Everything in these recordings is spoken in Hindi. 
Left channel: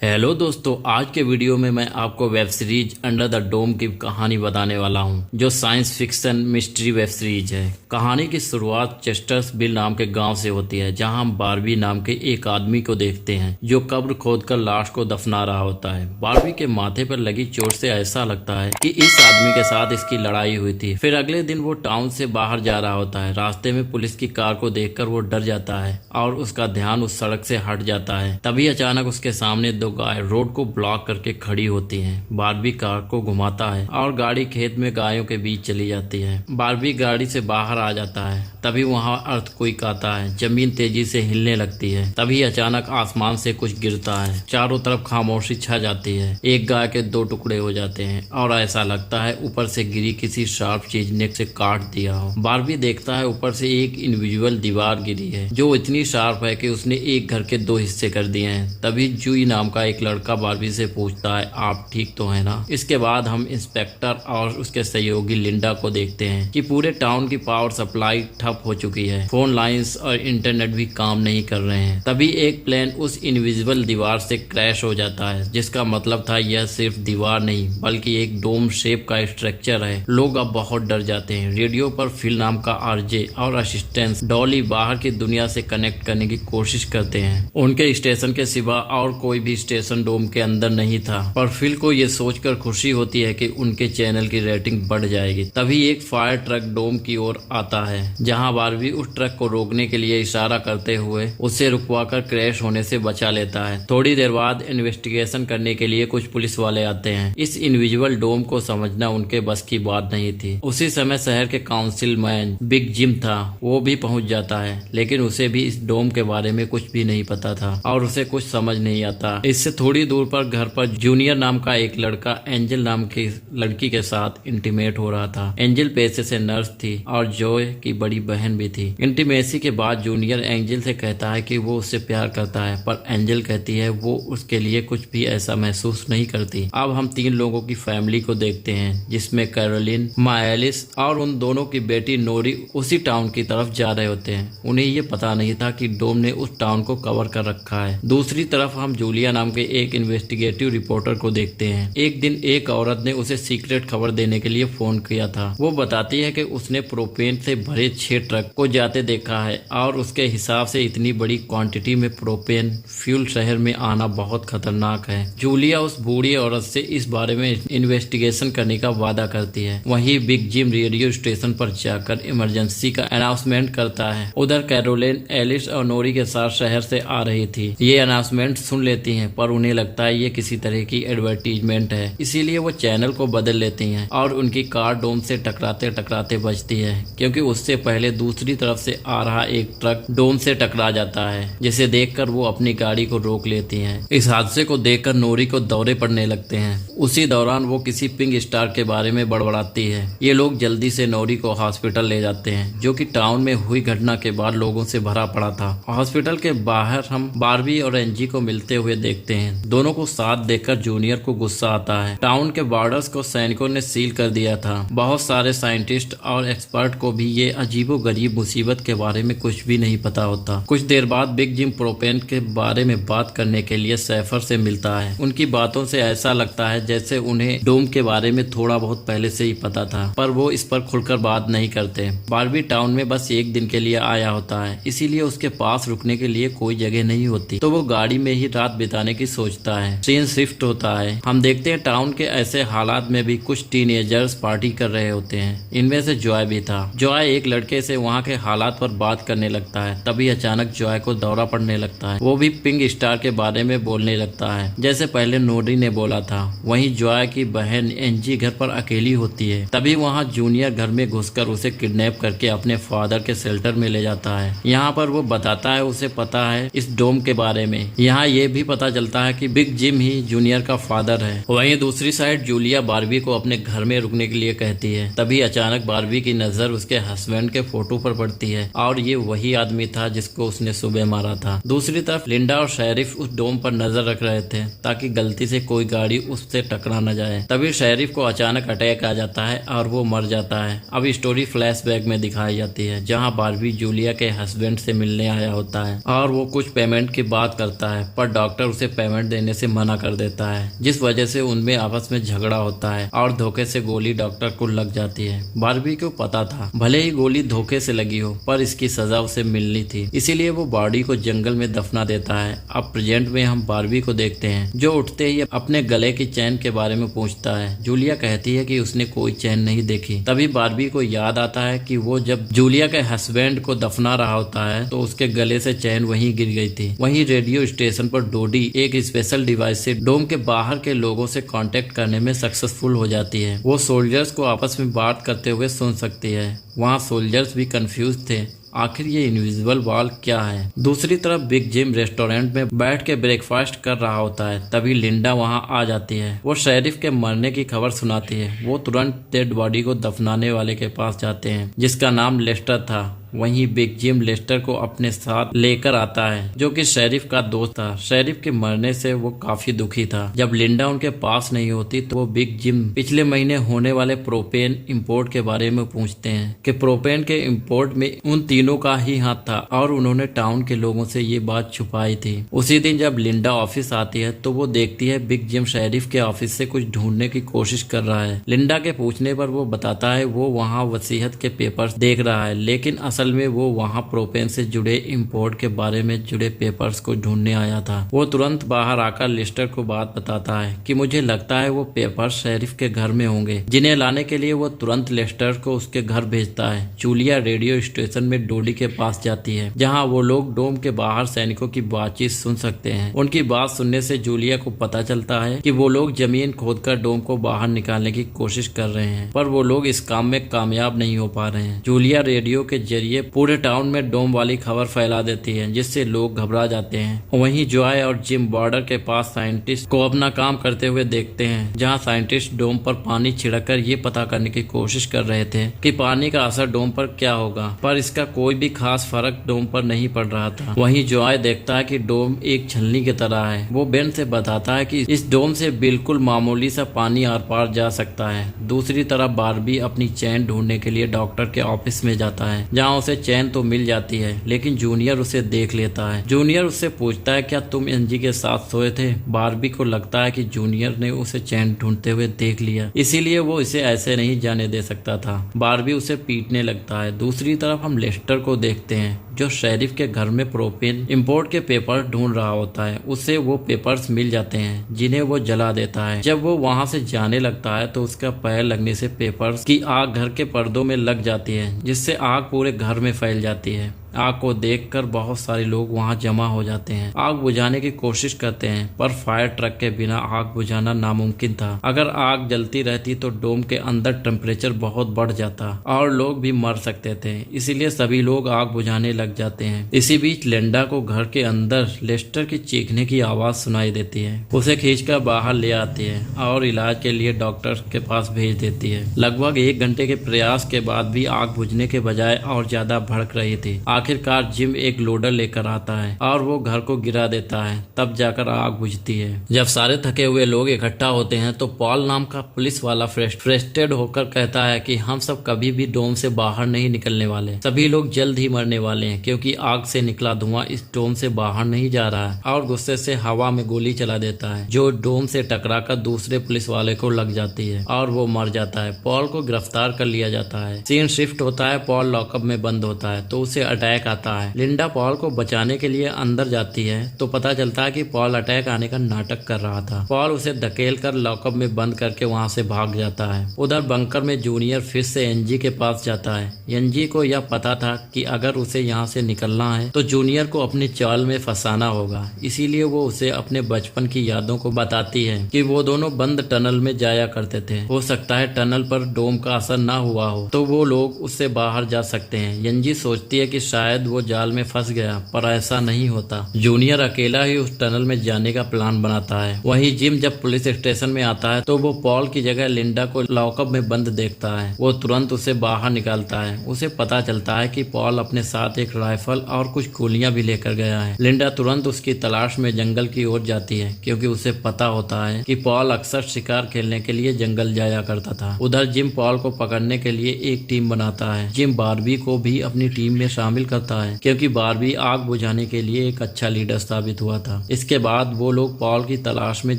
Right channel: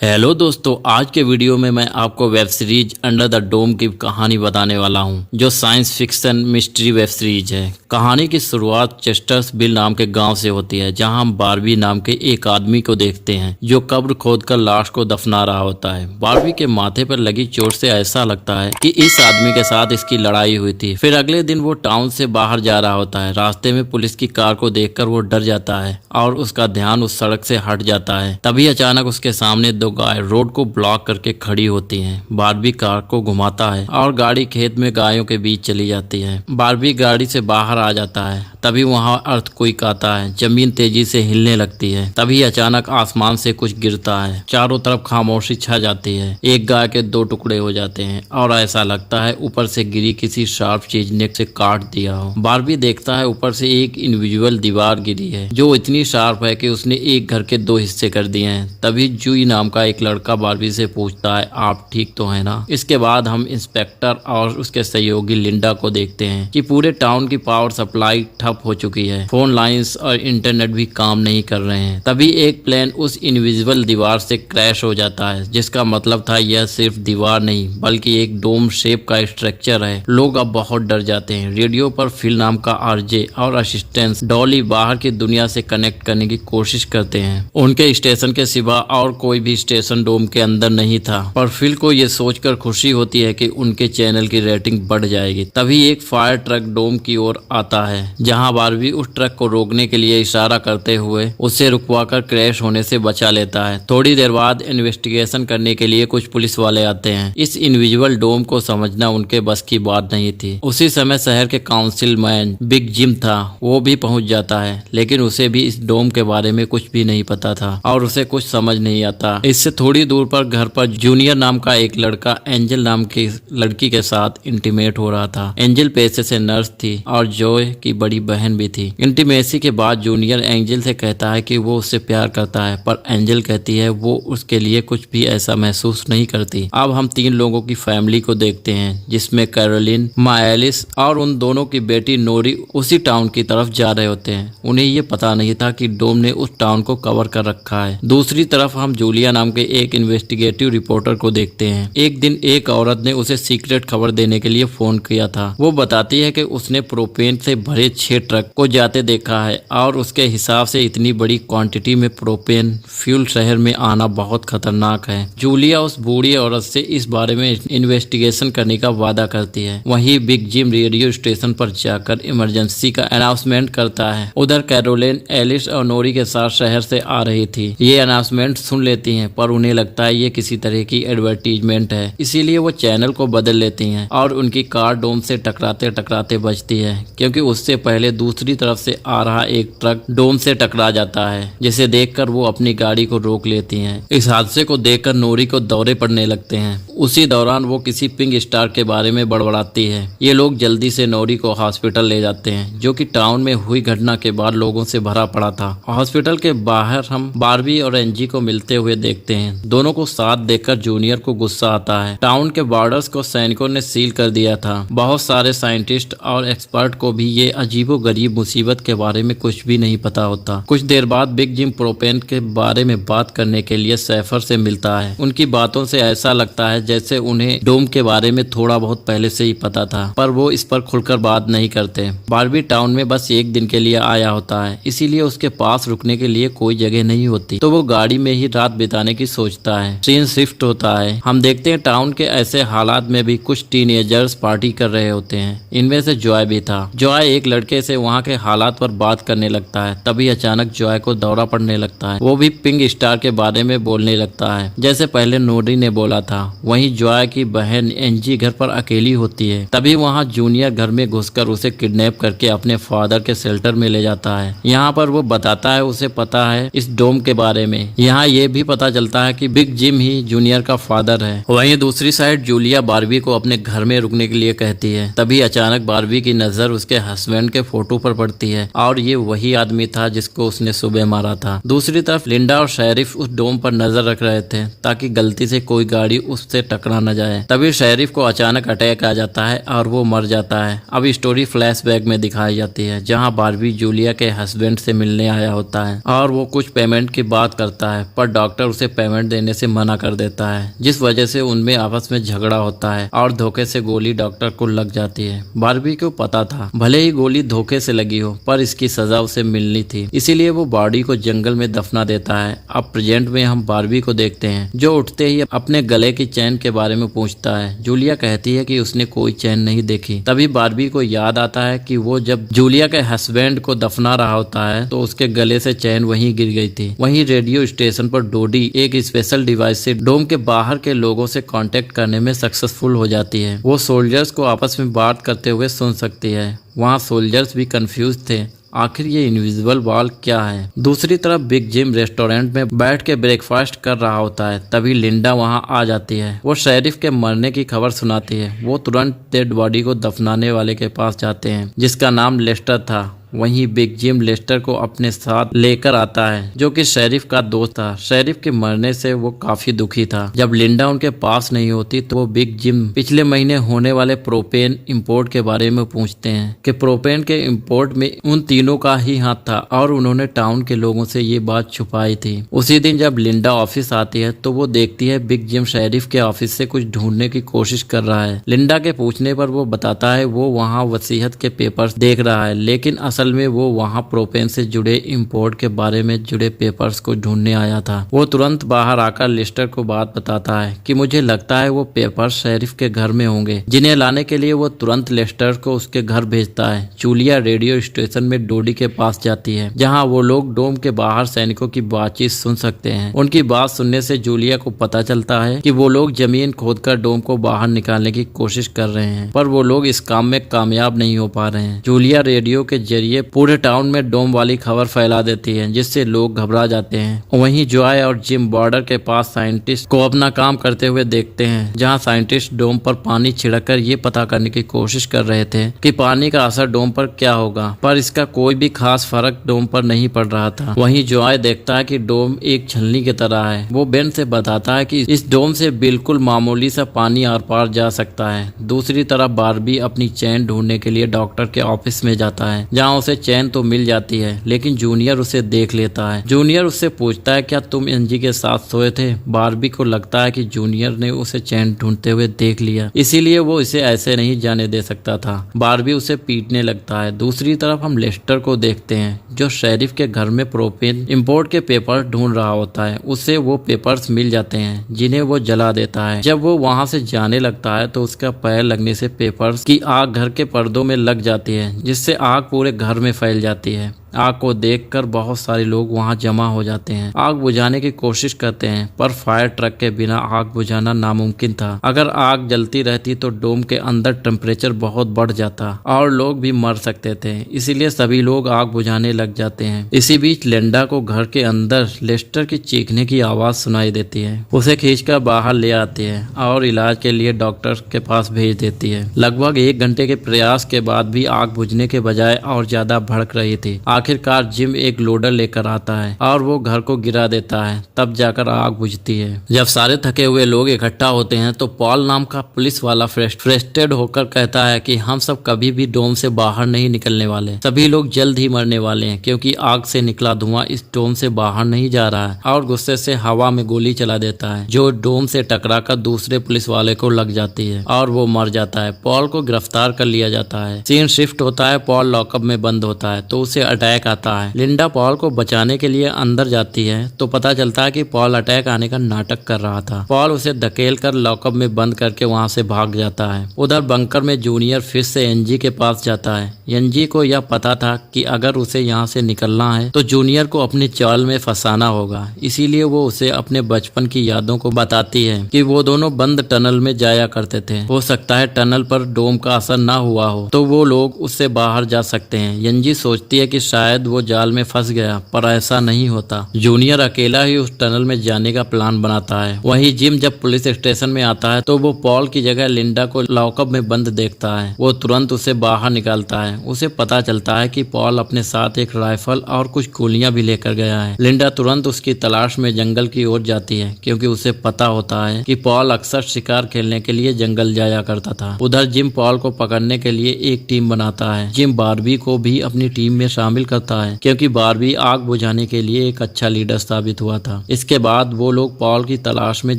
हेलो दोस्तों, आज के वीडियो में मैं आपको web series under the dome की कहानी बताने वाला हूं, जो science fiction mystery web series है। कहानी की शुरुआत चेस्टर्सविल नाम के गांव से होती है, जहां हम बारबी नाम के एक आदमी को देखते हैं जो कब्र खोदकर लाश को दफना रहा होता है। बारबी के माथे पर लगी चोट से ऐसा लगता है कि इस आदमी के साथ इसकी लड़ाई हुई थी। फिर अगले दिन वो टाउन से बाहर जा रहा होता है। रास्ते में पुलिस की कार को देखकर वो डर जाता है और उसका ध्यान उस सड़क से हट जाता है। तभी अचानक उसके सामने दो गाय रोड को ब्लॉक करके खड़ी होती हैं। बारबी कार को घुमाता है और गाड़ी खेत में गायों के बीच चली जाती है। बारबी गाड़ी से बाहर आ जाता है। तभी वहां अर्थक्वेक आता है। जमीन तेजी से हिलने लगती है। तभी अचानक आसमान से कुछ गिरता है। चारों तरफ खामोशी छा जाती है। एक गाय के दो टुकड़े हो जाते हैं और ऐसा लगता है ऊपर से गिरी किसी शार्प चीज ने से काट दिया हो। बारबी देखता है ऊपर से एक इनविजिबल दीवार गिरी है जो इतनी शार्प है कि उसने एक घर के दो हिस्से कर दिए हैं। तभी जूई नाम का एक लड़का बारबी से पूछता है, आप ठीक तो है ना? इसके बाद हम इंस्पेक्टर और उसके सहयोगी लिंडा को देखते हैं कि पूरे टाउन की पावर सप्लाई ठप हो चुकी है। फोन लाइंस और इंटरनेट भी काम नहीं कर रहे हैं। तभी एक प्लेन उस इनविजिबल दीवार से क्रैश हो जाता है, जिसका मतलब था यह सिर्फ दीवार नहीं बल्कि एक डोम शेप का स्ट्रक्चर है। लोग अब बहुत डर जाते हैं। रेडियो पर फिल नाम का आरजे और असिस्टेंट डॉली बाहर की दुनिया से कनेक्ट करने की कोशिश करते हैं। उनके स्टेशन के सिवा और कोई भी स्टेशन डोम के अंदर नहीं था, पर फिल को ये सोचकर खुशी होती है कि उनके चैनल की रेटिंग बढ़ जाएगी। तभी एक फायर ट्रक डोम की ओर आता है, जहां बारबी उस ट्रक को रोकने के लिए इशारा करते हुए उसे रुकवाकर क्रैश होने से बचा लेता है। थोड़ी देर बाद इन्वेस्टिगेशन करने के लिए कुछ पुलिस वाले आते हैं। इस इनविजिबल डोम को समझना उनके बस की बात नहीं थी। उसी समय शहर के काउंसिलमैन बिग जिम था, वो भी पहुंच जाता है, लेकिन उसे भी इस डोम के बारे में कुछ भी नहीं पता था और उसे कुछ समझ नहीं आता। इससे थोड़ी दूर पर घर पर जूनियर नाम का एक लड़का एंजल नाम की लड़की के साथ इंटीमेट हो रहा था। एंजल पेशे से नर्स थी और जॉय की बड़ी बहन भी थी। इंटीमेसी के बाद जूनियर एंजल से कहता है कि वो उससे प्यार करता है, पर एंजल कहती है वो उसके लिए कुछ भी ऐसा महसूस नहीं करती। अब हम तीन लोगों की फैमिली को देखते हैं, जिसमें कैरोलिन, माएलिस और उन दोनों की बेटी नोरी उसी टाउन की तरफ जा रहे होते हैं। उन्हें ये पता नहीं था कि डोम ने उस टाउन को कवर कर रखा है। दूसरी तरफ हम जूलिया नाम के एक इन्वेस्टिगेटिव रिपोर्टर को देखते हैं। एक दिन एक औरत ने उसे सीक्रेट खबर देने के लिए फोन किया था। वो बताती है कि उसने प्रोपेन से भरे 6 ट्रक को जाते देखा है और उसके हिसाब से इतनी बड़ी क्वांटिटी में प्रोपेन फ्यूल शहर में आना बहुत खतरनाक है। जूलिया उस बूढ़ी औरत से इस बारे में इन्वेस्टिगेशन करने का वादा करती है। वहीं बिग जिम रेडियो स्टेशन पर जाकर इमरजेंसी का अनाउंसमेंट करता है। उधर कैरोलिन एलिस और नोरी के साथ शहर से आ रही थी। ये अनाउंसमेंट सुन लेती हैं, पर उन्हें लगता है ये किसी तरह की एडवर्टीजमेंट है, इसीलिए वो चैनल को बदल लेती हैं और उनकी कार डोम से टकराते टकराते बचती है, क्योंकि उससे पहले दूसरी तरफ से आ रहा एक ट्रक डोम से टकरा जाता है, जिसे देखकर वो अपनी गाड़ी को रोक लेती हैं। इस हादसे को देखकर नोरी को दौरे पड़ने लगते हैं। उसी दौरान वो किसी पिंक स्टार के बारे में बड़बड़ाती है। ये लोग जल्दी से नोरी को हॉस्पिटल ले जाते हैं, जो कि टाउन में हुई घटना के बाद लोगों से भरा पड़ा था। हॉस्पिटल के बाहर हम बारबी और एंजी को मिलते हुए देखते हैं। दोनों को साथ देखकर जूनियर को गुस्सा आता है। टाउन के बॉर्डर्स को सैनिकों ने सील कर दिया था। बहुत सारे साइंटिस्ट और एक्सपर्ट को भी ये अजीबोगरीब मुसीबत के बारे में कुछ भी नहीं पता होता। कुछ देर बाद बिग जिम प्रोपेन के बारे में बात करने के लिए सैफर से मिलता है। उनकी बातों से ऐसा लगता है जैसे उन्हें डोम के बारे में थोड़ा बहुत पहले से ही पता था, पर वो इस पर खुलकर बात नहीं करते। बारबी टाउन में बस एक दिन के लिए आया होता है, इसीलिए उसके पास रुकने के लिए कोई जगह नहीं होती, तो वो गाड़ी में ही रात बिताने की सोचता है। सीन शिफ्ट होता है। हम देखते हैं टाउन के ऐसे हालात में भी कुछ टीनेजर्स पार्टी कर रहे होते हैं। इनमें से जॉय भी था। जॉय एक लड़के से वहाँ के हालात पर बात करने लगता है। तभी अचानक जॉय को दौरा पड़ने लगता है। वो भी पिंक स्टार के बारे में बोलने लगता है, जैसे पहले नोरी ने बोला था। वहीं जॉय की बहन एंजी घर पर अकेली होती है। तभी वहाँ जूनियर घर में घुसकर उसे किडनैप करके अपने फादर के शेल्टर में ले जाता है। यहाँ पर वो बताता है उसे पता है इस डोम के बारे में। यहाँ ये भी पता चलता है कि बिग जिम ही जूनियर का फादर है। वहीं दूसरी साइड जूलिया बारबी को अपने घर में रुकने के लिए कहती है। तभी अचानक बारबी की नजर उसके हस्बैंड के फोटो पर पड़ती है और ये वही आदमी था जिसको उसने सुबह मारा था। दूसरी तरफ लिंडा और शेरिफ उस डोम पर नजर रख रहे थे ताकि गलती से कोई गाड़ी उससे टकरा न जाए। तभी शेरिफ को अचानक अटैक आ जाता है और वो मर जाता है। अब स्टोरी फ्लैशबैक में दिखाई जाती है, जहाँ बारबी जूलिया के हस्बैंड से मिलने आया होता है और वो कुछ पेमेंट की बात करता है, पर डॉक्टर उसे उसे पेमेंट देने से मना कर देता है, जिस वजह से उनमें आपस में झगड़ा होता है और धोखे से गोली डॉक्टर को लग जाती है। बारबी को पता था भले ही गोली धोखे से लगी हो पर इसकी सजा उसे मिलनी थी, इसीलिए वो बॉडी को जंगल में दफना देता है। अब प्रेजेंट में हम बारबी को देखते हैं जो उठते ही अपने गले की चैन के बारे में पूछता है। जूलिया कहती है कि उसने कोई चैन नहीं देखी। तभी बारबी को याद आता है कि वो जब जूलिया के हस्बैंड को दफना रहा होता है तो उसके गले से चैन वहीं गिर गई थी। वहीं रेडियो स्टेशन पर डोडी एक स्पेशल डिवाइस से डोम के बाहर के लोगों से कांटेक्ट करने में सक्सेसफुल हो जाती है। वो सोल्जर्स को आपस में बात करते हुए सुन सकती है। वहाँ सोल्जर्स भी कंफ्यूज थे, आखिर ये इनविजिबल वॉल क्या है। दूसरी तरफ बिग जिम रेस्टोरेंट में बैठ के ब्रेकफास्ट कर रहा होता है। तभी लिंडा वहाँ आ जाती है। वो शेरिफ के मरने की खबर सुनाती है। वो तुरंत डेड बॉडी को दफनाने वाले के पास जाते हैं जिसका नाम लेस्टर था। वहीं बिग जिम लेस्टर को अपने साथ लेकर आता है जो कि शेरिफ का दोस्त था। शेरिफ के मरने से वो काफी दुखी था। जब लिंडा उनके पास नहीं होती तो वो बिग जिम पिछले महीने होने वाले प्रोपेन इंपोर्ट के बारे में पूछते हैं कि प्रोपेन के इंपोर्ट में उन तीनों का ही हाथ था और उन्होंने टाउन के लोगों से ये बात छुपाई थी। उसी दिन जब लिंडा ऑफिस आती है तो वो देखती है बिग जिम शेरिफ के ऑफिस से कुछ ढूंढने की कोशिश कर रहा है। लिंडा के पूछने पर वो बताता है वो वहाँ वसीयत के पेपर्स देख रहा है, लेकिन असल में वो वहाँ प्रोपेन से जुड़े इंपोर्ट के बारे में जुड़े पेपर्स को ढूंढने आया था। वो तुरंत बाहर आकर लेस्टर को बात बताता है कि मुझे लगता है वो पेपर्स शेरिफ के घर में होंगे, जिन्हें लाने के लिए वो तुरंत लेस्टर को उसके घर भेजता है। जूलिया रेडियो स्टेशन में डोडी के पास जाती है जहाँ वो लोग डोम के बाहर सैनिकों की बातचीत सुन सकते हैं। उनकी बात सुनने से जूलिया को पता चलता है कि वो लोग जमीन खोदकर डोम को बाहर निकालने की कोशिश कर रहे हैं, पर वो लोग इस काम में कामयाब नहीं हो पा रहे हैं। जूलिया रेडियो के जरिए पूरे टाउन में डोम वाली खबर फैला देती है जिससे लोग घबरा जाते हैं। वहीं जॉय और जिम बॉर्डर के पास साइंटिस्ट को अपना काम करते हुए देखते हैं जहां साइंटिस्ट डोम पर पानी छिड़ककर ये पता करने की कोशिश कर रहे थे कि पानी का असर डोम पर क्या होगा, पर इसका कोई भी खास फर्क डोम पर नहीं पड़ रहा था। वहीं जॉय देखता है कि डोम एक छलनी की तरह है। वो बेन से बताता है कि इस डोम से बिल्कुल मामूली सा पानी आर पार जा सकता है। दूसरी तरफ बारबी अपनी चैन ढूंढने के लिए डॉक्टर के ऑफिस में जाता है जहाँ उसे चैन तो मिल जाती है, लेकिन जूनियर उसे देख लेता है। जूनियर उससे पूछता है क्या तुम एनजी के साथ सोए थे। बारबी को लगता है कि जूनियर ने उसे चैन ढूंढते हुए देख लिया, इसीलिए वो इसे ऐसे नहीं जाने दे सकता था। बारबी उसे पीटने लगता है। दूसरी तरफ हम लेस्टर को देखते हैं जो शेरिफ के घर में प्रोपेन इंपोर्ट के पेपर ढूंढ रहा होता है। उसे वो पेपर्स मिल जाते हैं जिन्हें वो जला देता है। जब वो वहां से जाने लगता है तो उसका पैर लगने से पेपर्स की आग घर के पर्दों में लग जाती है, जिससे आग पूरे घर में फैल जाती है। आग को देखकर बहुत सारे लोग वहां जमा हो जाते हैं। आग बुझाने की कोशिश करते हैं पर फायर ट्रक के बिना आग बुझाना नामुमकिन था। अगर आग जलती रहती तो डोम के अंदर टेम्परेचर बहुत बढ़ जाता और लोग भी मर सकते थे, इसीलिए सभी लोग आग बुझाने लग जाते हैं। इसी बीच लिंडा को घर के अंदर लेस्टर की चीखने की आवाज सुनाई देती है। उसे खींचकर बाहर ले आती है और इलाज के लिए डॉक्टर के पास भेज देती है। लगभग 1 घंटे के प्रयास के बाद भी आग बुझने के बजाय और ज्यादा भड़क रही थी। आखिरकार जिम एक लोडर लेकर आता है और वो घर को गिरा देता है, तब जाकर आग बुझती है। जब सारे थके हुए लोग इकट्ठा होते हैं तो पॉल नाम का पुलिस वाला फ्रस्ट्रेटेड होकर कहता है कि हम सब कभी भी डोम से बाहर नहीं निकलने वाले। सभी लोग जल्द ही मरने वाले हैं क्योंकि आग से निकला धुआं इस डोम से बाहर नहीं जा रहा है। और गुस्से से हवा में गोली चला देता है जो डोम से टकराकर दूसरे पुलिस वाले को लग जाती है और वो मर जाता है। पॉल को गिरफ्तार कर लिया जाता है। सीन शिफ्ट होता है। पॉल लॉकअप में बंद होता है तो उसे अटैक आता है। लिंडा पॉल को बचाने के लिए अंदर जाती है तो पता चलता है कि पॉल अटैक आने का नाटक कर रहा था। पॉल उसे धकेल कर लॉकअप में बंद करके वहां से भाग जाता है। उधर बंकर में जूनियर फिर से एनजी के पास जाता है। एनजी को यह पता था कि अगर उसे यहाँ से निकलना है तो जूनियर को अपने चाल में फंसाना होगा, इसीलिए वो उसे अपने बचपन की यादों को बताती है कि वो दोनों बंद टनल में जाया करते थे। हो सकता है टनल पर डोम का असर ना हुआ हो तो वो लोग उससे बाहर जा सकते हैं। एनजी सोचती है कि शायद वो जाल में फंस गया, पर ऐसा नहीं होता। जूनियर अकेला ही उस टनल में जाने का प्लान बनाता है। वहीं जिम जब पुलिस स्टेशन में आता है तो वो पॉल की जगह लिंडा को लॉकअप में बंद देखता है। वो तुरंत उसे बाहर निकालता है। उसे पता चलता है कि पॉल अपने साथ एक राइफल और कुछ गोलियां भी लेकर गया है। लिंडा तुरंत उसकी तलाश में जंगल की ओर जाती है क्योंकि उसे पता होता है कि पॉल अक्सर शिकार खेलने के लिए जंगल जाया करता था। उधर जिम पॉल को पकड़ने के लिए एक टीम बनाता है। जिम बारबी को भी अपनी टीम में शामिल करता है क्योंकि बारबी आग बुझाने के लिए एक अच्छा लीडर साबित हुआ था। इसके बाद वो लोग पॉल की तलाश में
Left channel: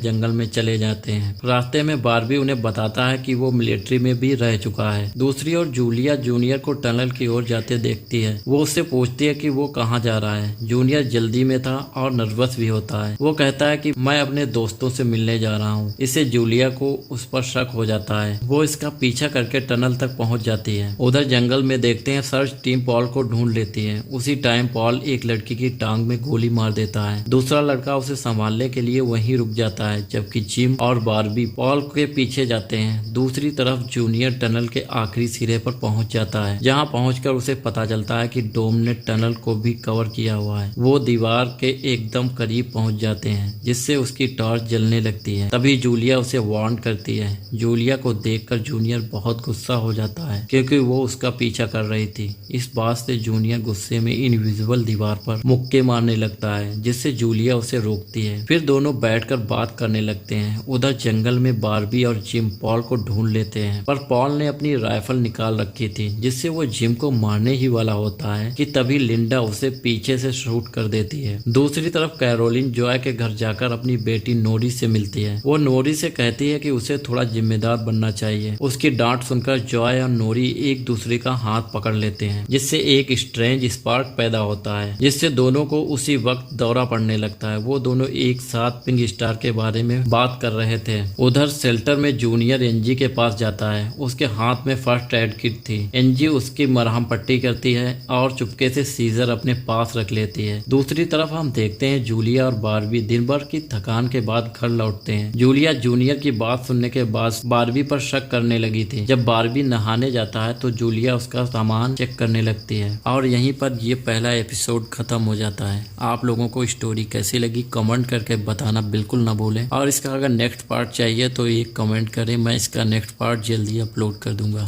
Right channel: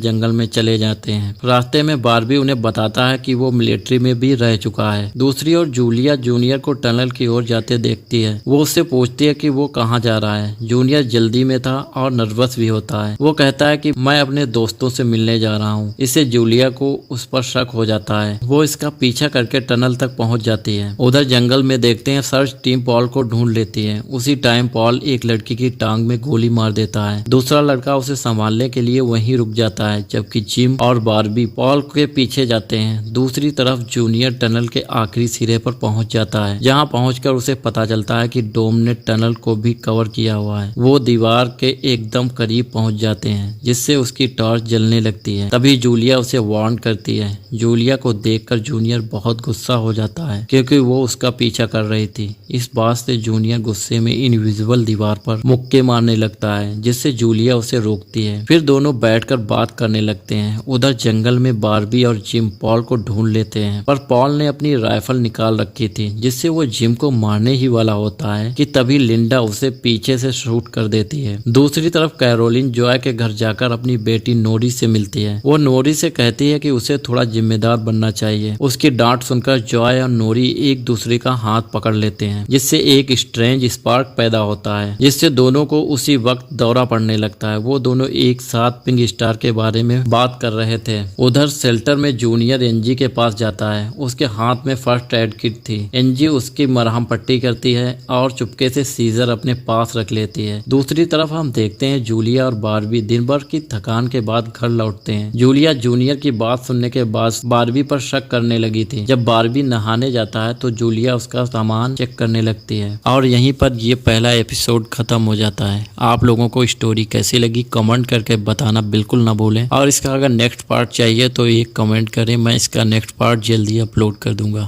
जंगल में चले जाते हैं। रास्ते में बारबी उन्हें बताता है कि वो मिलिट्री में भी रह चुका है। दूसरी ओर जूलिया जूनियर को टनल की ओर जाते देखती है। वो उससे पूछती है कि वो कहाँ जा रहा है। जूनियर जल्दी में था और नर्वस भी होता है। वो कहता है कि मैं अपने दोस्तों से मिलने जा रहा हूँ। इससे जूलिया को उस पर शक हो जाता है। वो इसका पीछा करके टनल तक पहुंच जाती है। उधर जंगल में देखते हैं सर्च टीम पॉल को ढूंढ लेती है। उसी टाइम पॉल एक लड़की की टांग में गोली मार देता है। दूसरा लड़का उसे संभालने के लिए वहीं रुक जाता है, जबकि जिम और बारबी पॉल के पीछे जाते हैं। दूसरी तरफ जूनियर टनल के आखिरी सिरे पर पहुंच जाता है, जहां पहुंचकर उसे पता चलता है कि डोम ने टनल को भी कवर किया हुआ है। वो दीवार के एकदम करीब पहुंच जाते हैं, जिससे उसकी टॉर्च जलने लगती है। तभी जूलिया उसे वार्न करती है। जूलिया को देखकर जूनियर बहुत गुस्सा हो जाता है क्योंकि वो उसका पीछा कर रही थी। इस बात से जूनियर गुस्से में इनविजिबल दीवार पर मुक्के मारने लगता है, जिससे जूलिया उसे रोकती है। फिर दोनों बैठकर बात करने लगते हैं। उधर जंगल में बारबी और जिम पॉल को ढूंढ लेते हैं, पर पॉल ने अपनी राइफल निकाल रखी थी, जिससे वो जिम को मारने ही वाला होता है कि तभी लिंडा उसे पीछे से शूट कर देती है। दूसरी तरफ कैरोलिन जॉय के घर जाकर अपनी बेटी नोरी से मिलती है। वो नोरी से कहती है कि उसे थोड़ा जिम्मेदार बनना चाहिए। उसकी डांट सुनकर जॉय और नोरी एक दूसरे का हाथ पकड़ लेते हैं, जिससे एक स्ट्रेंज स्पार्क पैदा होता है, जिससे दोनों को उसी वक्त दौरा पड़ने लगता है। वो दोनों एक साथ पिंक स्टार के बारे में बात कर रहे थे। उधर शेल्टर में जूनियर एनजी के पास जाता है। उसके हाथ में फर्स्ट एड किट थी। एनजी उसकी मरहम पट्टी करती है और चुपके से सीजर अपने पास रख लेती है। दूसरी तरफ हम देखते हैं जूलिया और बारबी दिन भर की थकान के बाद घर लौटते हैं। जूलिया जूनियर की बात सुनने के बाद बारबी पर शक करने लगी थी। जब बारबी नहाने जाता है तो जूलिया उसका सामान चेक करने लगती है और यहीं पर ये पहला एपिसोड खत्म हो जाता है। आप लोगों को स्टोरी कैसी लगी कमेंट करके बताना बिल्कुल ना भूलें, और इसका अगर नेक्स्ट पार्ट चाहिए तो एक कमेंट करें, मैं इसका नेक्स्ट पार्ट जल्दी अपलोड कर दूंगा।